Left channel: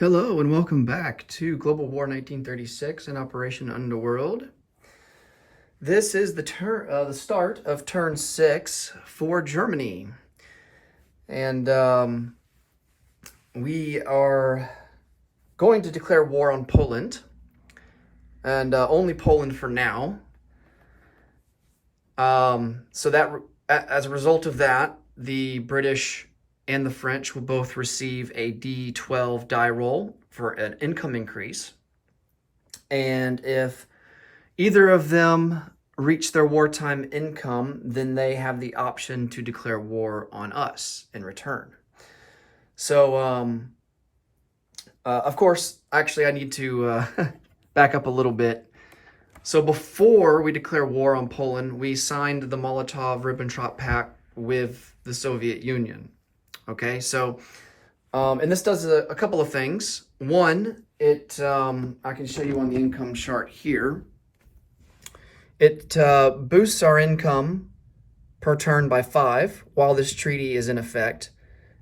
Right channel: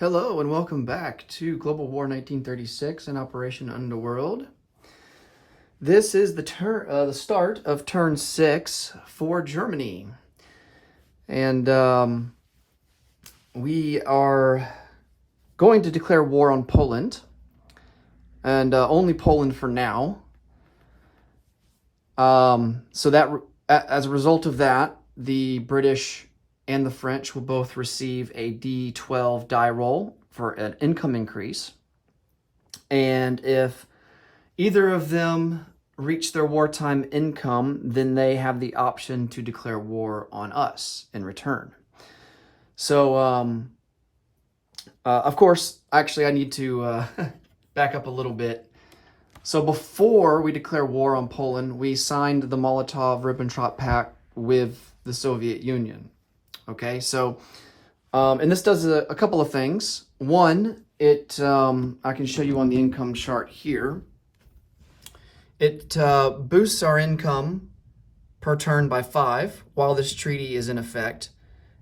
Hello and welcome back to Global War 1936 and Operation Underworld. This is the start of turn 6 for Germany. And we are going to declare war on Poland, and only Poland for now. So that as a result of that, the British and the French will both receive a D12 die roll for an income increase. And if either of them reach their wartime income, then they have the option to declare war on us in return. So, of course, actually, I need to back up a little bit. So before we declare war on Poland, we signed the Molotov-Ribbentrop Pact with the Soviet Union. Okay, so, and this does a couple of things. One, I can show you on the income chart here. It boosts our income per turn by 5 while this treaty is in effect,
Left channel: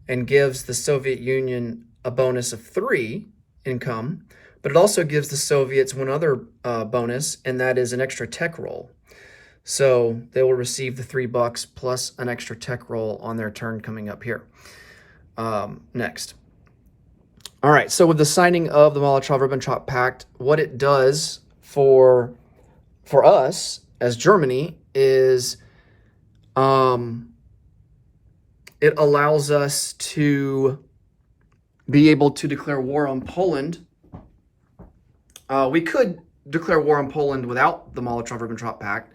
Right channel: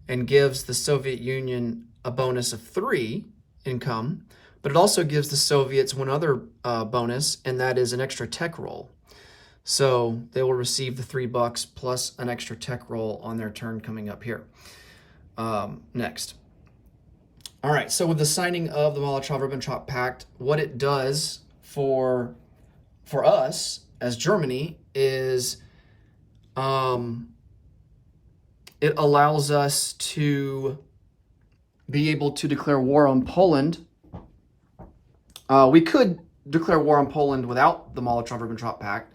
and gives the Soviet Union a bonus of 3 income, but it also gives the Soviets one other bonus, and that is an extra tech roll. So they will receive the $3 plus an extra tech roll on their turn coming up here next. All right, so with the signing of the Molotov-Ribbentrop Pact, what it does for us as Germany is it allows us to be able to declare war on Poland. We could declare war on Poland without the Molotov-Ribbentrop Pact,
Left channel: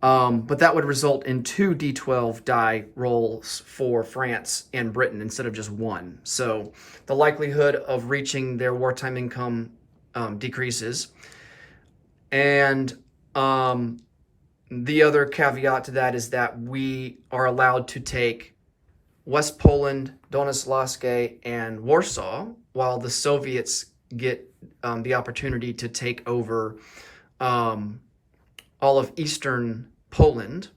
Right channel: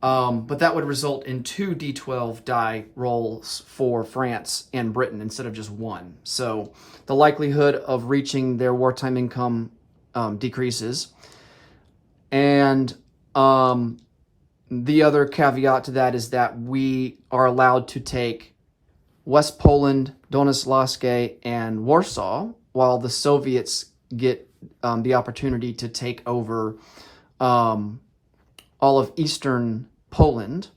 but that would result in 2 D12 die rolls for France and Britain instead of just 1. So the likelihood of reaching their wartime income decreases. And the other caveat to that is that we are allowed to take West Poland, Donetsk, and Warsaw, while the Soviets get the opportunity to take over all of Eastern Poland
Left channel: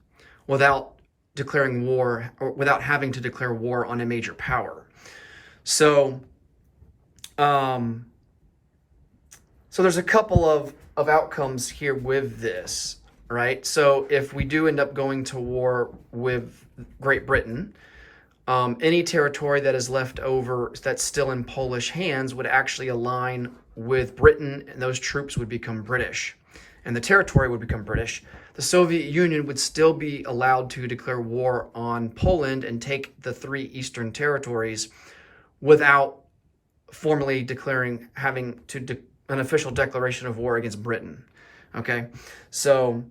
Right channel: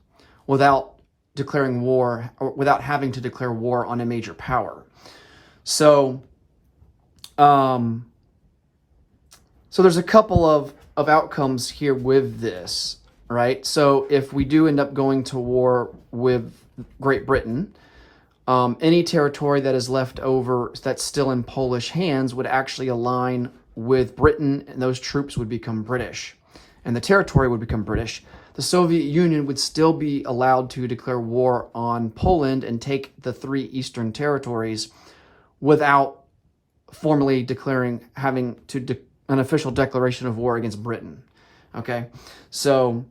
without declaring war, or without having to declare war on a major power. So, so there's a couple of outcomes here with this, right? So if we do end up going to war with Great Britain, any territory that is left over that's still in Polish hands would actually align with Britain, and those troops would become British, and the territory would become British. The Soviet Union would still be allowed to declare war on Poland and take the 3 eastern territories without formally having an official declaration of war against Britain. Okay, so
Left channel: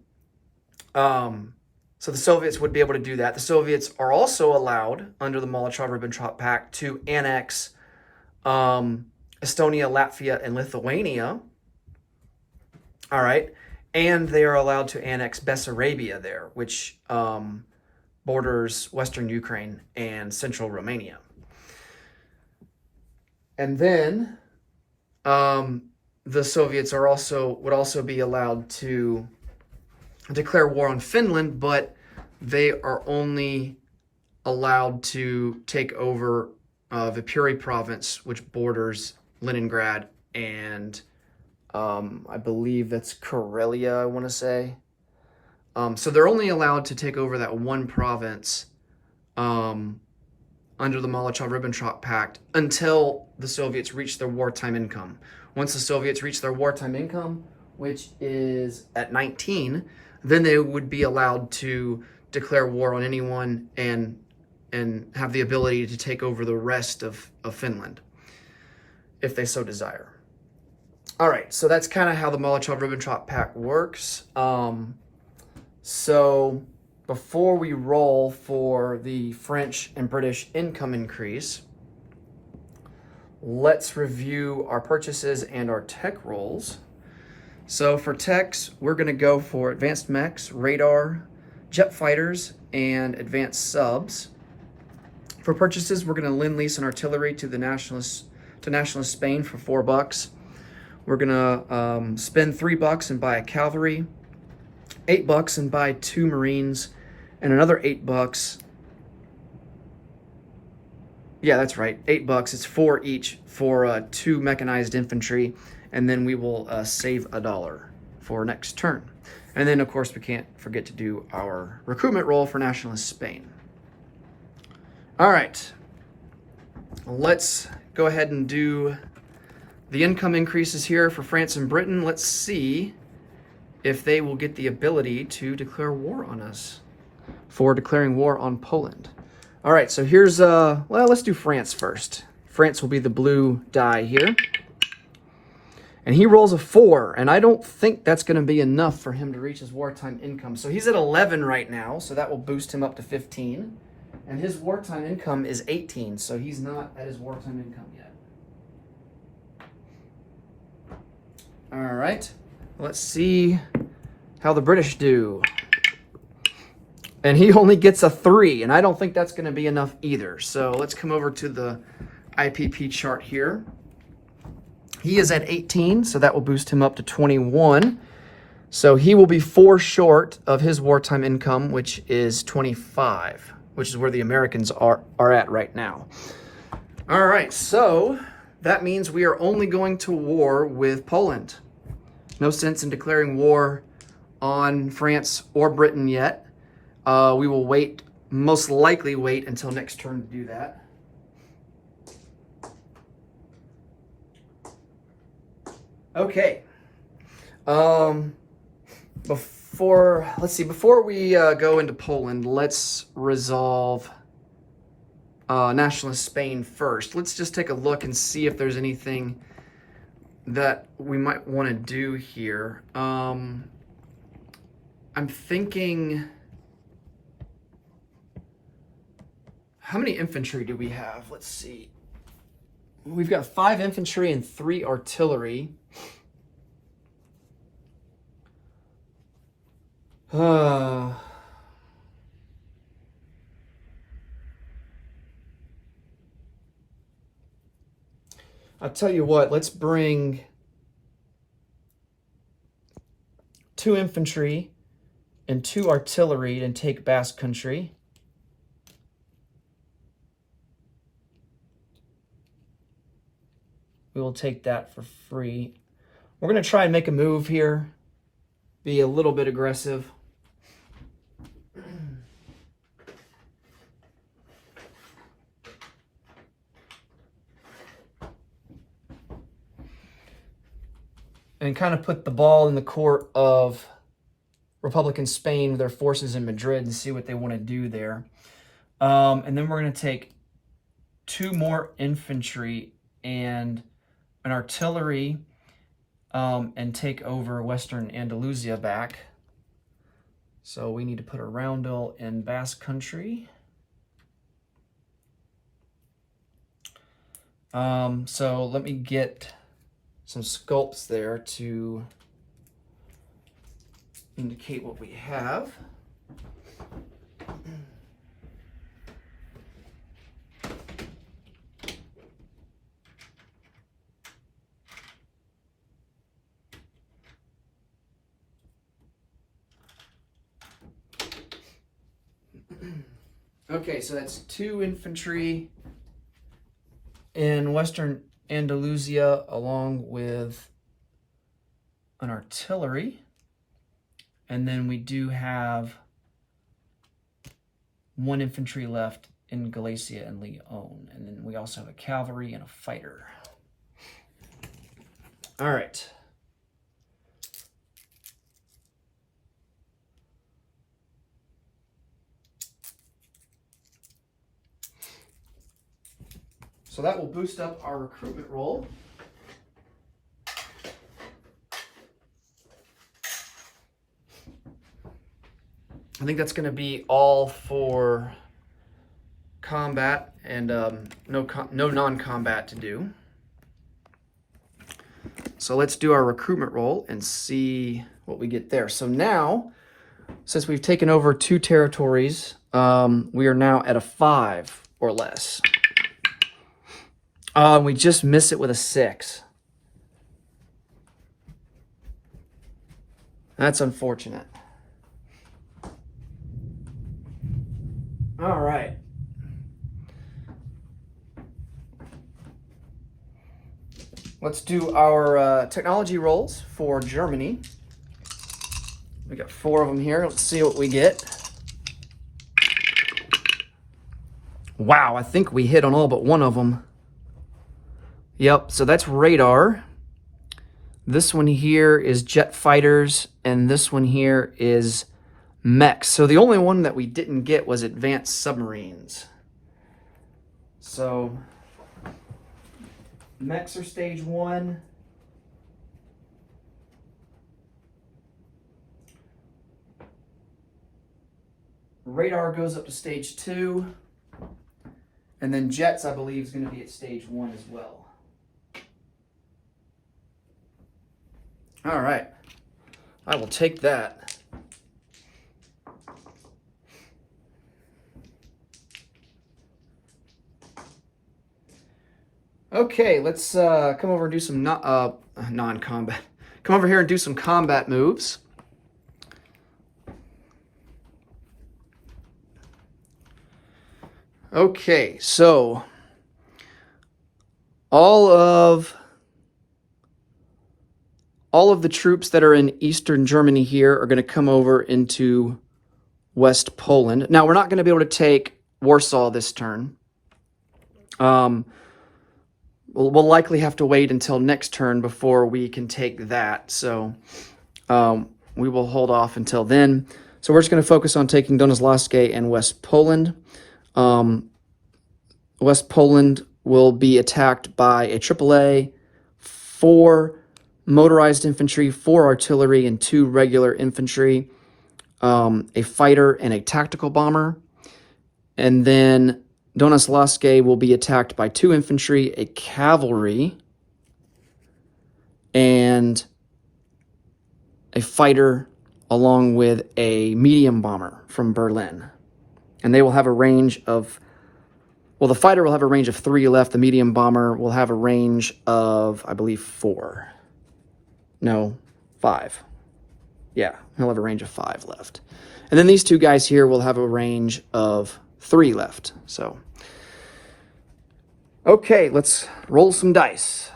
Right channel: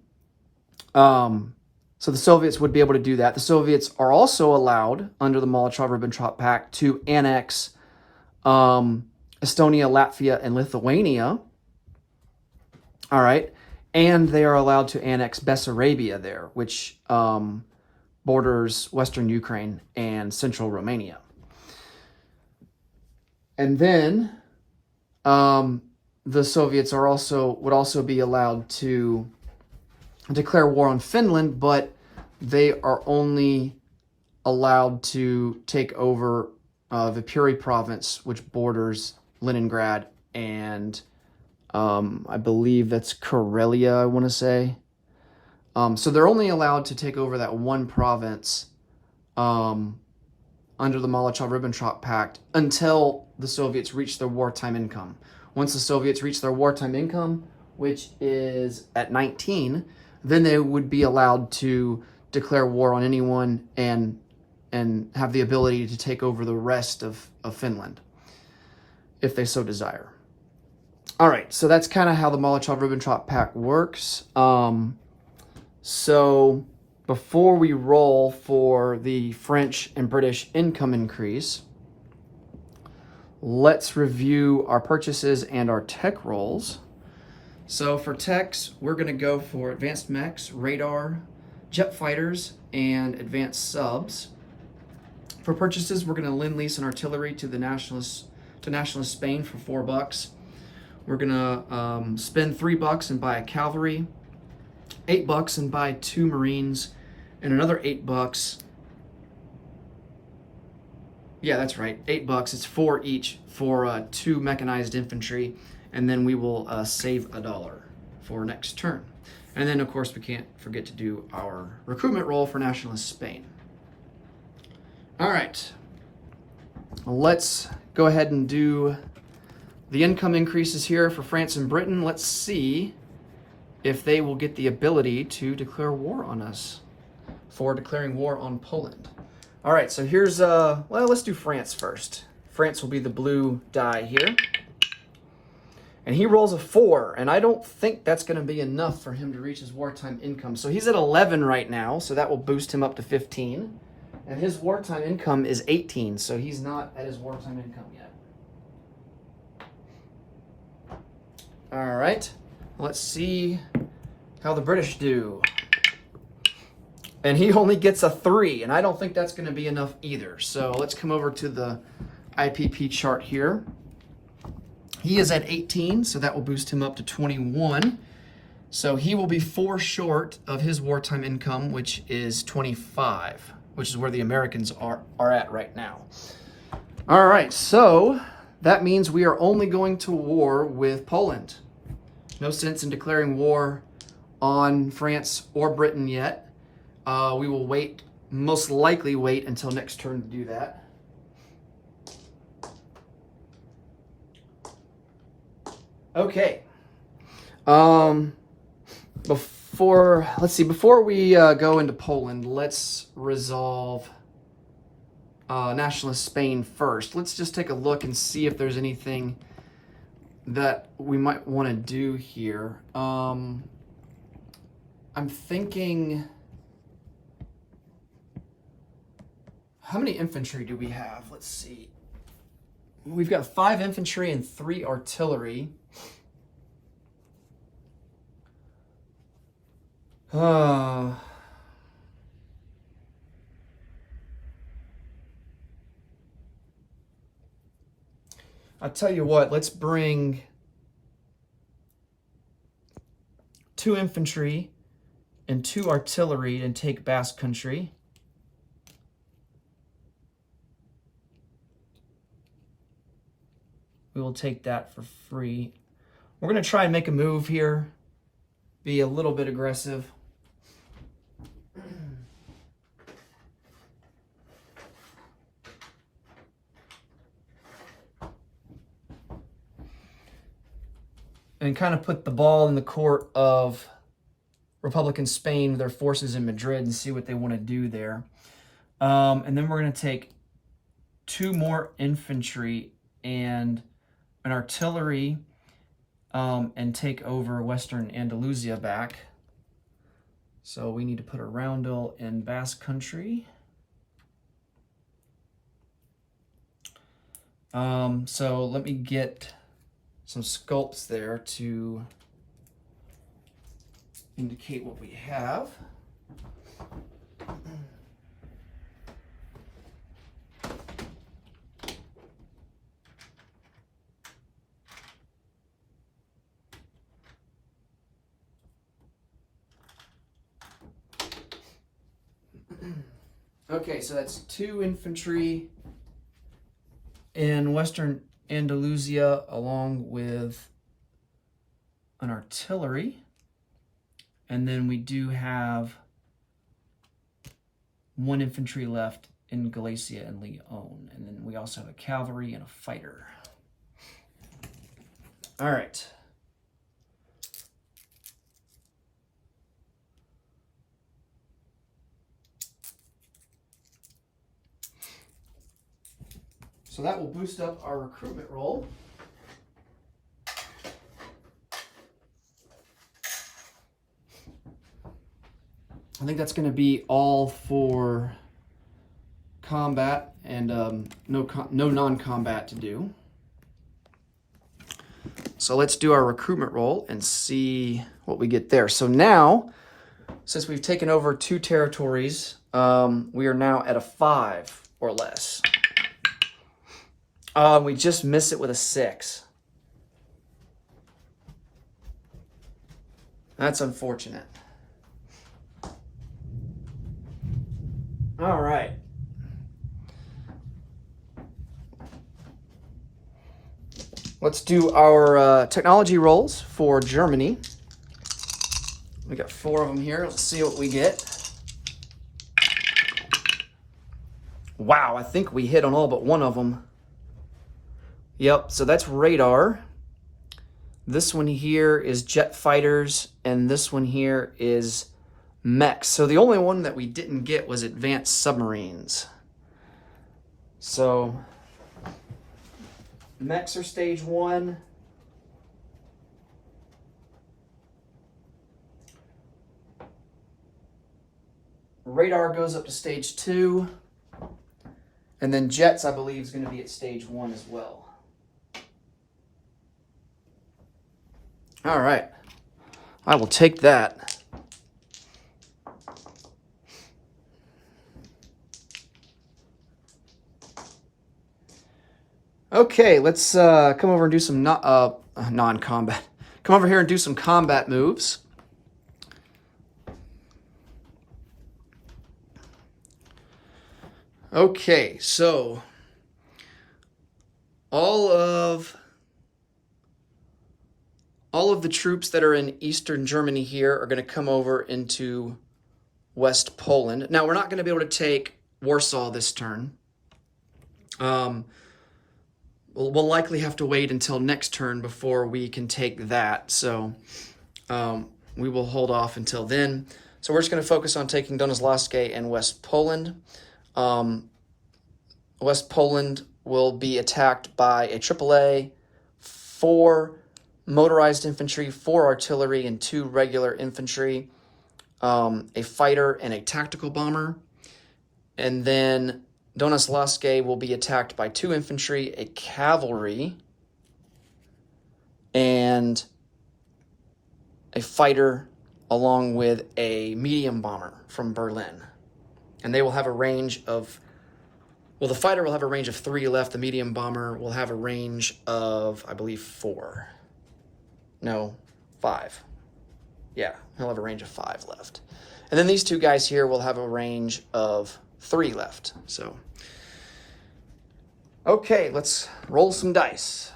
so the Soviets would be able to do that. The Soviets are also allowed under the Molotov-Ribbentrop Pact to annex Estonia, Latvia, and Lithuania. All right. And they are allowed to annex Bessarabia there, which borders Western Ukraine and central Romania. And then the Soviets would also be allowed to declare war on Finland, but they are only allowed to take over Viipuri province, which borders Leningrad and I believe that's Karelia, I want to say. So they're only allowed to take over that one province under the Molotov-Ribbentrop Pact until the Soviets reach their wartime income. Once the Soviets reach their wartime income, which is at 19, then they would be allowed to declare war on anyone and have the ability to take over the rest of Finland, if they so desire. All right, so that's kind of how the Molotov-Ribbentrop Pact works. So before we roll for the French and British income increase, let's review our purchases and our tech rolls. So for techs, we're going to go for advanced mechs, radar, jet fighters, and advanced subs. For purchases, we're going to lend-lease an artillery to nationalist Spain for $4. We're going to spend $3 and buy a cavalry, $8 and buy 2 Marines, and another $8 Yeah, that's right. $8. It's 4 each for 2 mechanized infantry, and then we will save $1 for next turn. And then, of course, we can't forget to do our recruitment roll for Nationalist Spain. All right, let's go ahead and do the income increases here for France and Britain. Let's see if they will get the ability to declare war on us for declaring war on Poland. All right, so here's, well, let's do France first. France will be the blue die here. And he rolls a 4, and I don't think that's going to be enough for him to reach his wartime income. So he's at 11 right now, so that will boost him up to 15. And his wartime income is 18, so he's not at his wartime income yet. All right, let's see how the British do. And he only gets a 3, and I don't think that's going to be enough either. So let's come over to the IPP chart here. He is at 18, so that will boost him up to 21. So he will be 4 short of his wartime income, which is 25, which is where the Americans are at right now. All right, so that means we are only going to war with Poland. No sense in declaring war on France or Britain yet. We will wait, most likely wait until next turn to do that. Okay. Before we go into Poland, let's resolve Nationalist Spain first. Let's just take a look and see if there's anything that we might want to do here. I'm thinking, how many infantry do we have? Let's see. We've got 5 infantry and 3 artillery. I'll tell you what, let's bring 2 infantry and 2 artillery and take Basque Country. We will take that for free. We're going to try and make a move here, be a little bit aggressive. And kind of put the ball in the court of Republican Spain with their forces in Madrid and see what they want to do there. And then we're going to take 2 more infantry and an artillery and take over Western Andalusia back. So we need to put a roundel in Basque Country. So let me get some sculpts there to indicate what we have. Okay, so that's 2 infantry in Western Andalusia along with an artillery. And then we do have 1 infantry left in Galicia and Leon. And then we also have a cavalry and a fighter. All right. So that will boost up our recruitment roll. I think that's going to be all for combat and no non-combat to do. So let's do our recruitment roll and see what we get there. So now, since we've taken over 2 territories, we are now at a 5 or less. We just miss it with a 6. That's unfortunate. All right. Let's do our technology rolls for Germany. We got 4 of them here. Let's see what we get. Wow, I think we hit on all but one of them. Yep, so that's radar. This one here is jet fighters, and this one here is mechs. So the only one that we didn't get was advanced submarines. So mechs are stage 1. Radar goes up to stage 2. And then jets, I believe, is going to be at stage 1 as well. All right. I will take that. Okay, let's come over and do some non-combat. Come over here and do some combat moves. Okay, so all of the troops that are in Eastern Germany here are going to come over into West Poland. Now, we're not going to be able to take Warsaw this turn. We'll likely have to wait until next turn before we can take that. So we will hold off until then. So we're just going to focus on taking Donaslavsky and West Poland. West Poland will be attacked by a AAA, 4 motorized infantry, 4 artillery, and 2 regular infantry, a fighter and a tactical bomber. And then Donaslavsky will be attacked by 2 infantry, a cavalry, and a fighter, along with a medium bomber from Berlin. And they will have a range of, well, the fighter will have a range of 3 left. The medium bomber will have a range of, I believe, 4. No, 5. Yeah, he'll have a range of 5 left. And then these 2 guys here will have a range of 3 left. So, okay, let's roll some dice.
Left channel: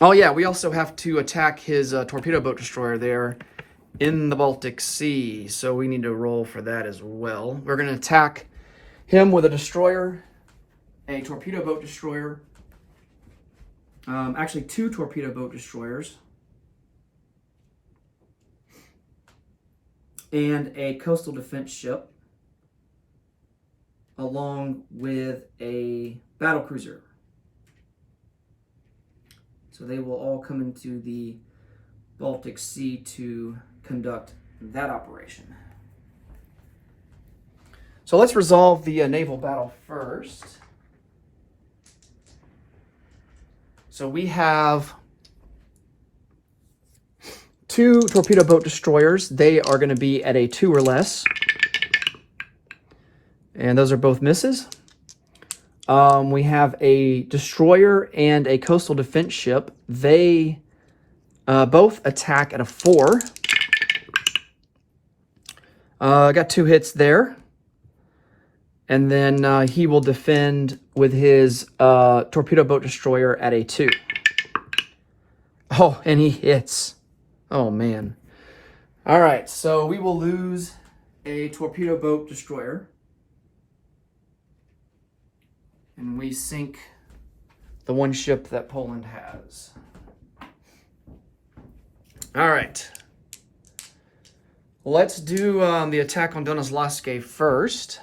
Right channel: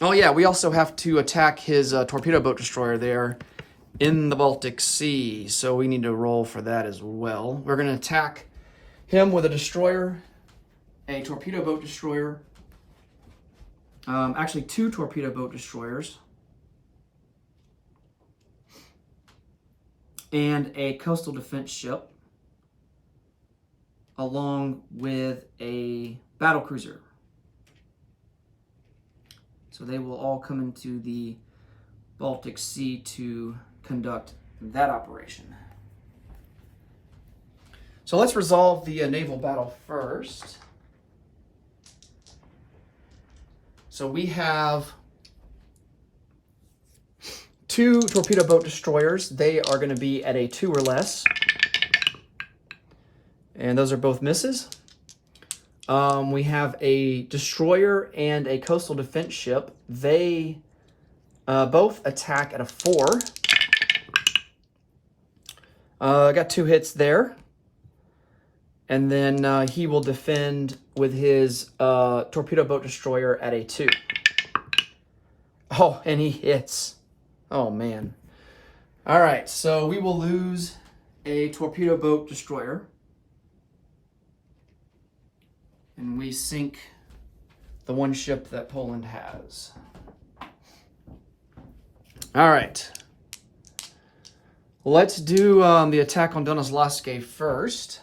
Oh yeah, we also have to attack his torpedo boat destroyer there in the Baltic Sea. So we need to roll for that as well. We're going to attack him with a destroyer, a torpedo boat destroyer, actually 2 torpedo boat destroyers, and a coastal defense ship, along with a battle cruiser. So they will all come into the Baltic Sea to conduct that operation. So let's resolve the naval battle first. So we have 2 torpedo boat destroyers. They are going to be at a 2 or less. And those are both misses. We have a destroyer and a coastal defense ship. They both attack at a 4. I got 2 hits there. And then he will defend with his torpedo boat destroyer at a 2. Oh, and he hits. Oh, man. All right, so we will lose a torpedo boat destroyer. And we sink the 1 ship that Poland has. All right. Let's do the attack on Donaslavsky first.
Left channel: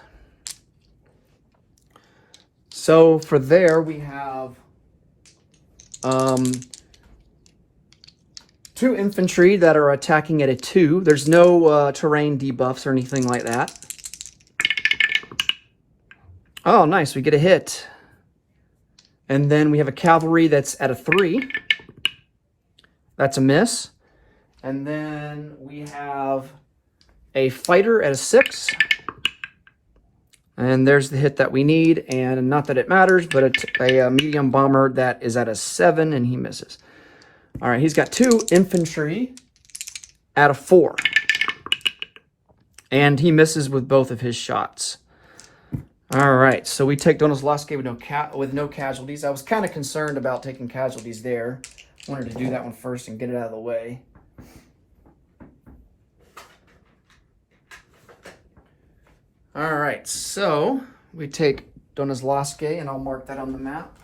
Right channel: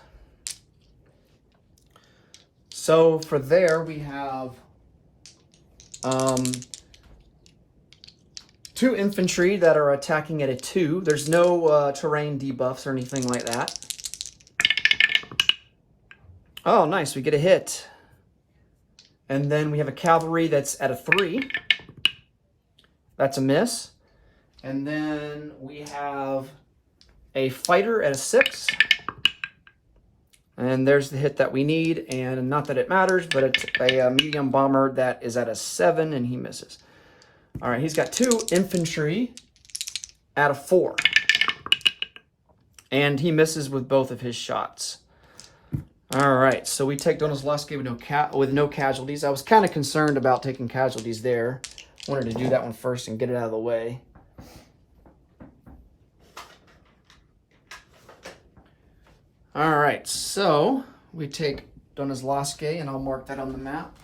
So for there, we have 2 infantry that are attacking at a 2. There's no terrain debuffs or anything like that. Oh, nice. We get a hit. And then we have a cavalry that's at a 3. That's a miss. And then we have a fighter at a 6. And there's the hit that we need. And not that it matters, but it's a medium bomber that is at a 7, and he misses. All right, he's got 2 infantry at a 4. And he misses with both of his shots. All right, so we take Donezlosky with no casualties. I was kind of concerned about taking casualties there. Wanted to do that one first and get it out of the way. All right, so we take Donezlosky, and I'll mark that on the map.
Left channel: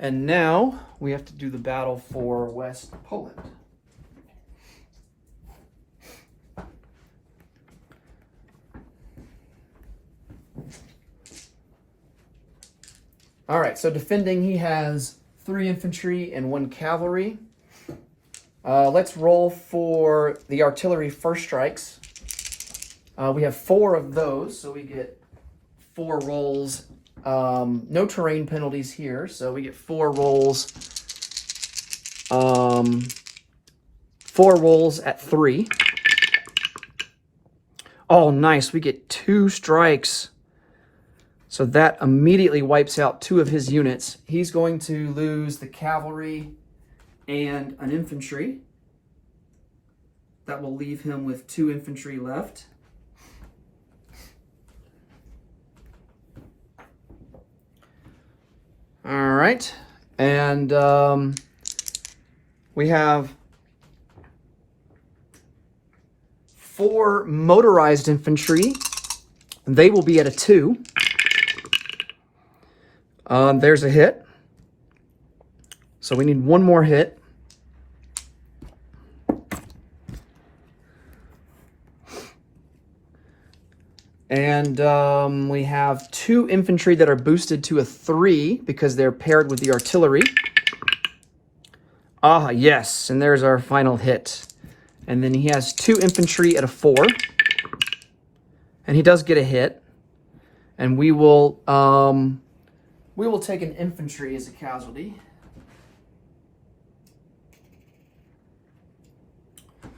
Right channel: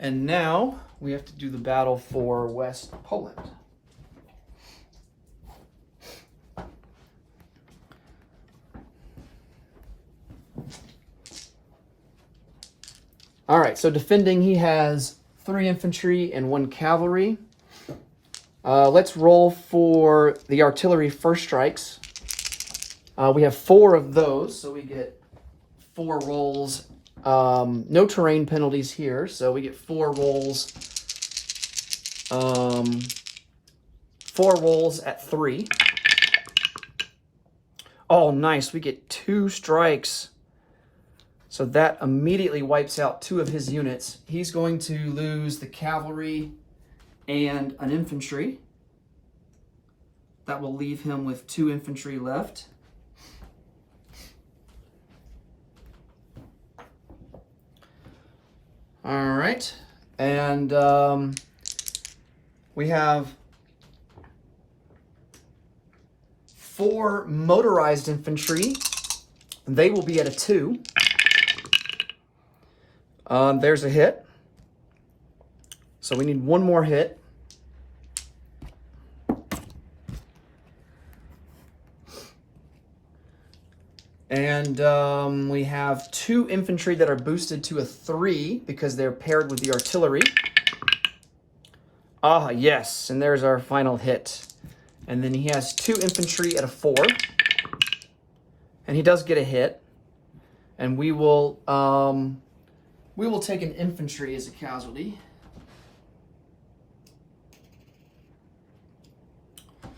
And now we have to do the battle for West Poland. All right, so defending, he has 3 infantry and 1 cavalry. Let's roll for the artillery first strikes. We have 4 of those, so we get 4 rolls. No terrain penalties here, so we get 4 rolls. 4 rolls at 3. Oh, nice. We get 2 strikes. So that immediately wipes out 2 of his units. He's going to lose the cavalry and an infantry. That will leave him with 2 infantry left. All right, and we have 4 motorized infantry. They will be at a 2. There's a hit. So we need 1 more hit. And we have 2 infantry that are boosted to a 3 because they're paired with the artillery. Ah, yes, and there's our final hit. And then he has 2 infantry at a 4. And he does get a hit. And we will take an infantry as a casualty.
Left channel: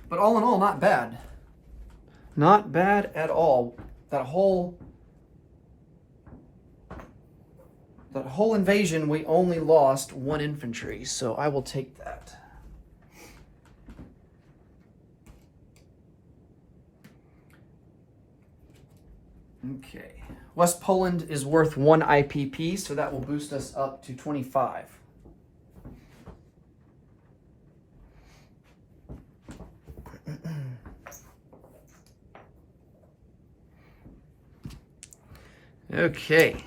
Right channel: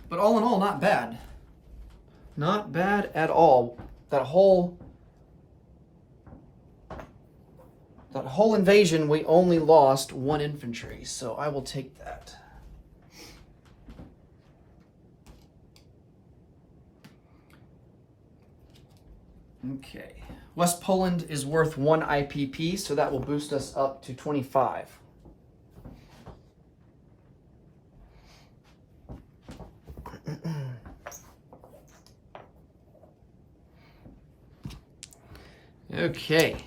But all in all, not bad. Not bad at all. That whole invasion, we only lost 1 infantry, so I will take that. Okay. West Poland is worth 1 IPP, so that will boost us up to 25. Okay.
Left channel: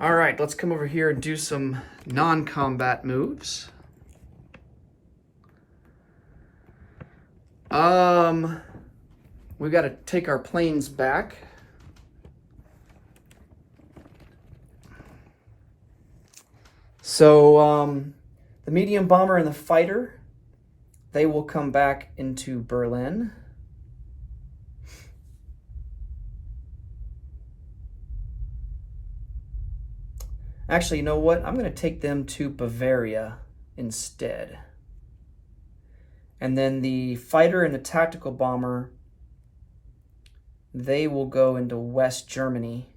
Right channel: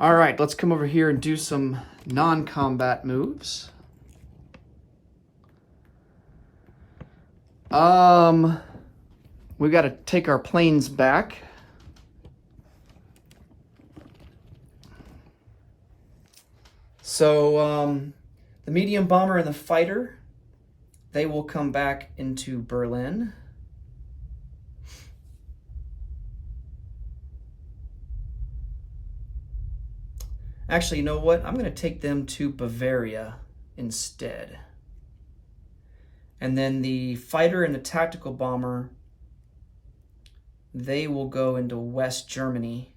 All right, let's come over here and do some non-combat moves. We got to take our planes back. So, the medium bomber and the fighter, they will come back into Berlin. Actually, you know what? I'm going to take them to Bavaria instead. And then the fighter and the tactical bomber, they will go into West Germany.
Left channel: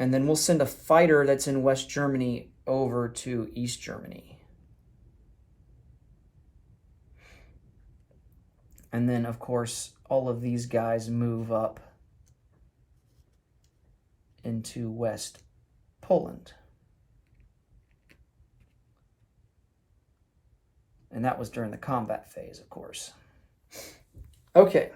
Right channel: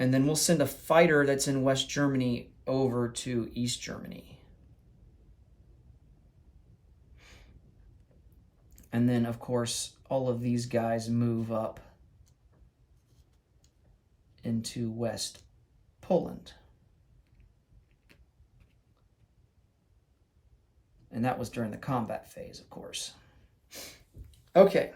And then we'll send a fighter that's in West Germany over to East Germany. And then, of course, all of these guys move up into West Poland. And that was during the combat phase, of course. Okay.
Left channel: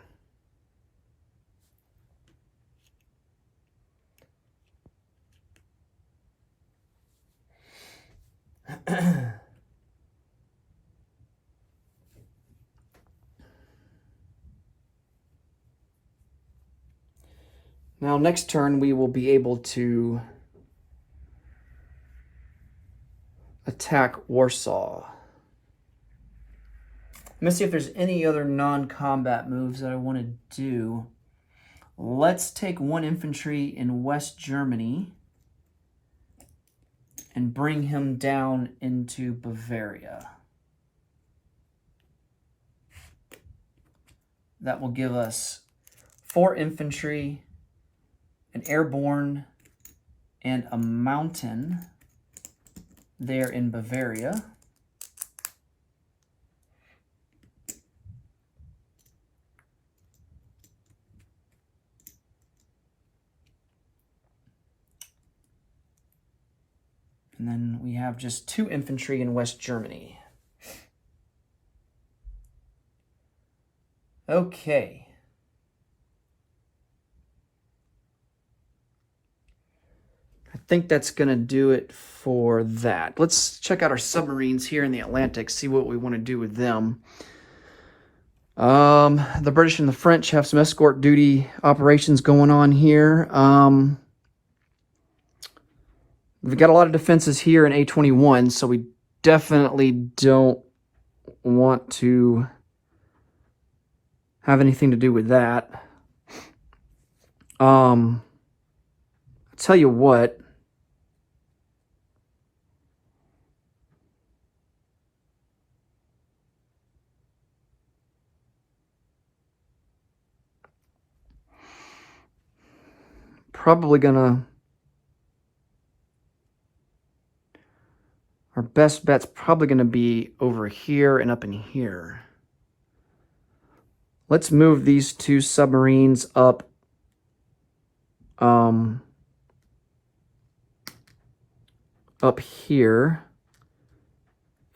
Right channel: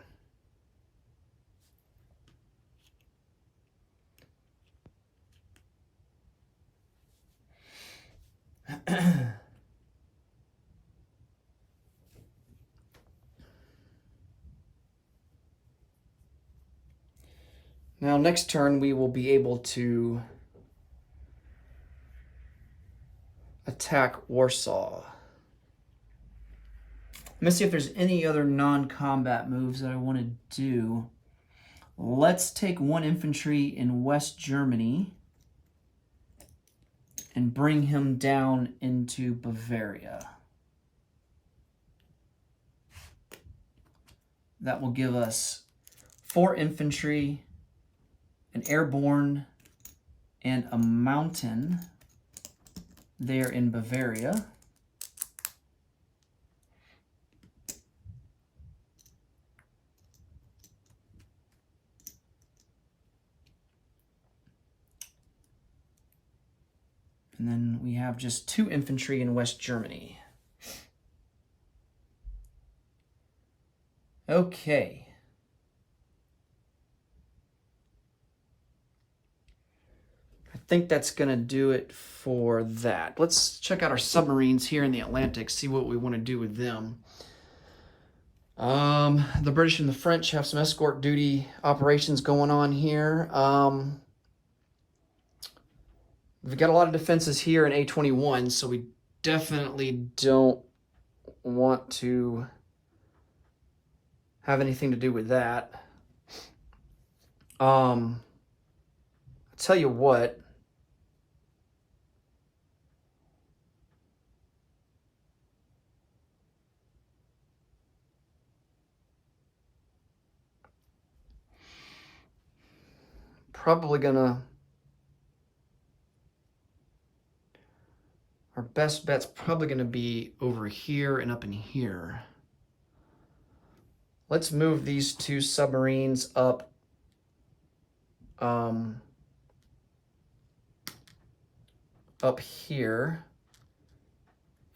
Now, next turn, we will be able to attack Warsaw. Let me see if there's any other non-combat moves that I want to do. Let's take 1 infantry in West Germany and bring him down into Bavaria. That will give us 4 infantry, an airborne, and a mountain there in Bavaria. And then we have just 2 infantry in West Germany. Okay. I think that's going to do it for that. Let's check out our submarines here in the Atlantic, see what we want to do with them. The British and the French have some escort duty operations going on here. We've got a lot of defenses here in A21, so we definitely don't want to have anything to do with that. I'll tell you what. Probably gonna... Our best bet's probably going to be over here and up in here. Let's move these 2 submarines up up here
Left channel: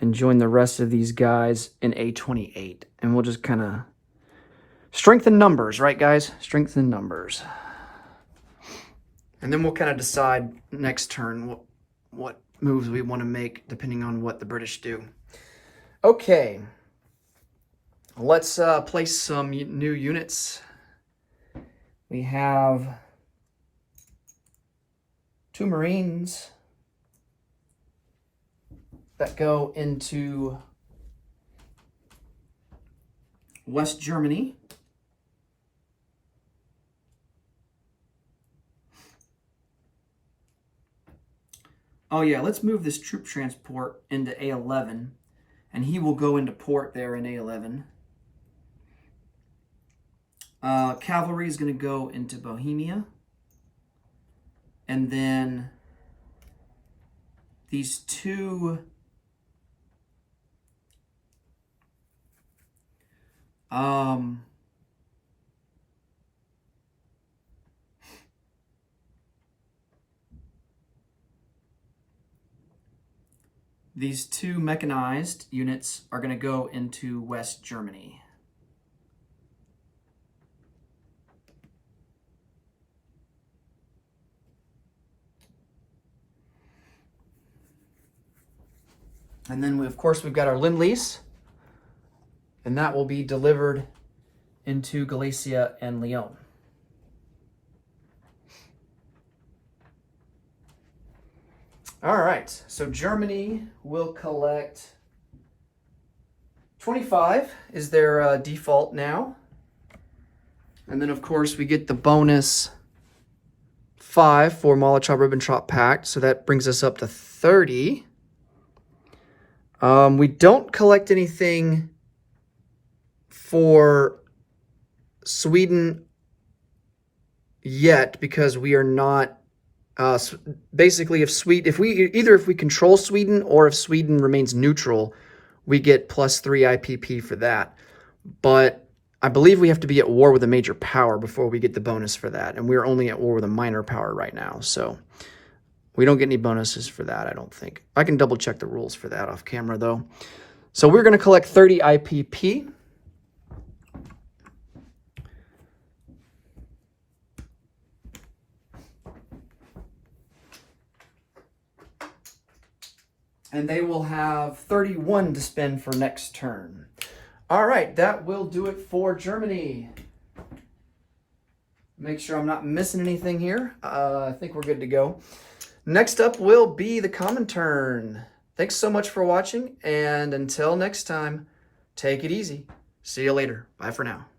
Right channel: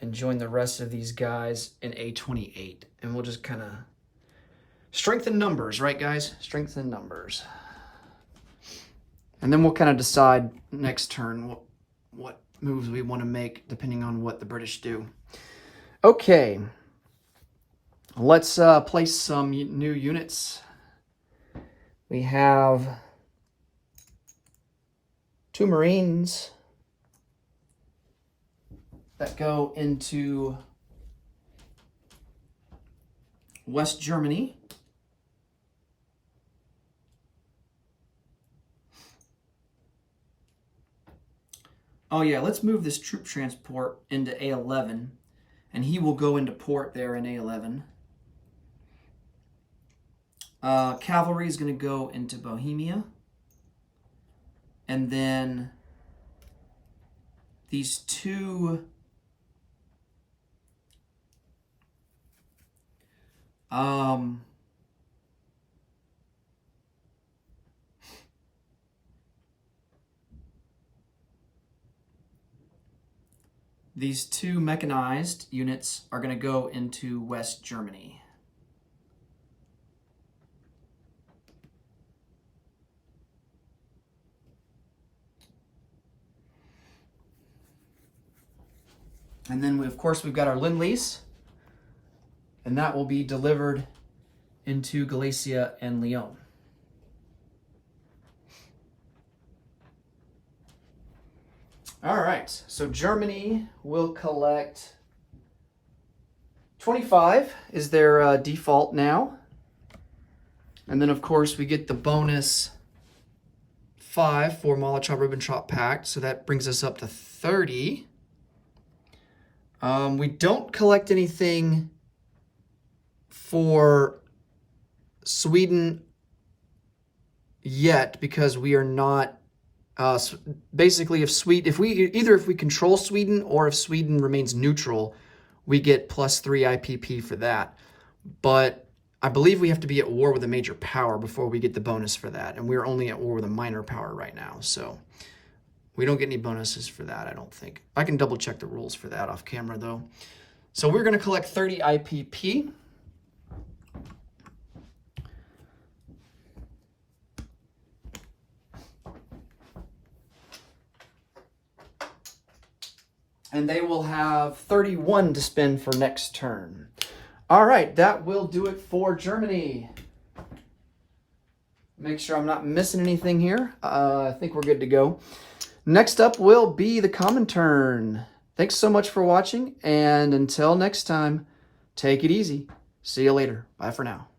and join the rest of these guys in A28. And we'll just kind of strengthen numbers, right, guys? Strengthen numbers. And then we'll kind of decide next turn what moves we want to make depending on what the British do. Okay, let's place some new units. We have 2 Marines that go into West Germany. Oh yeah, let's move this troop transport into A11, and he will go into port there in A11. Cavalry is going to go into Bohemia, and then these 2 these 2 mechanized units are going to go into West Germany. And then, of course, we've got our Lend-Lease, and that will be delivered into Galicia and Leon. All right, so Germany will collect 25 is their default now. And then, of course, we get the bonus 5 for Molotov-Ribbentrop Pact, so that brings us up to 30. We don't collect anything for Sweden yet because we are not... basically, if we control Sweden or if Sweden remains neutral, we get +3 IPP for that. But I believe we have to be at war with a major power before we get the bonus for that, and we're only at war with a minor power right now, so we don't get any bonuses for that, I don't think. I can double check the rules for that off camera though. So we're going to collect 30 IPP. And they will have 31 to spend for next turn. All right, that will do it for Germany. Make sure I'm not missing anything here. I think we're good to go. Next up will be the Comintern. Thanks so much for watching, and until next time, take it easy. See you later. Bye for now.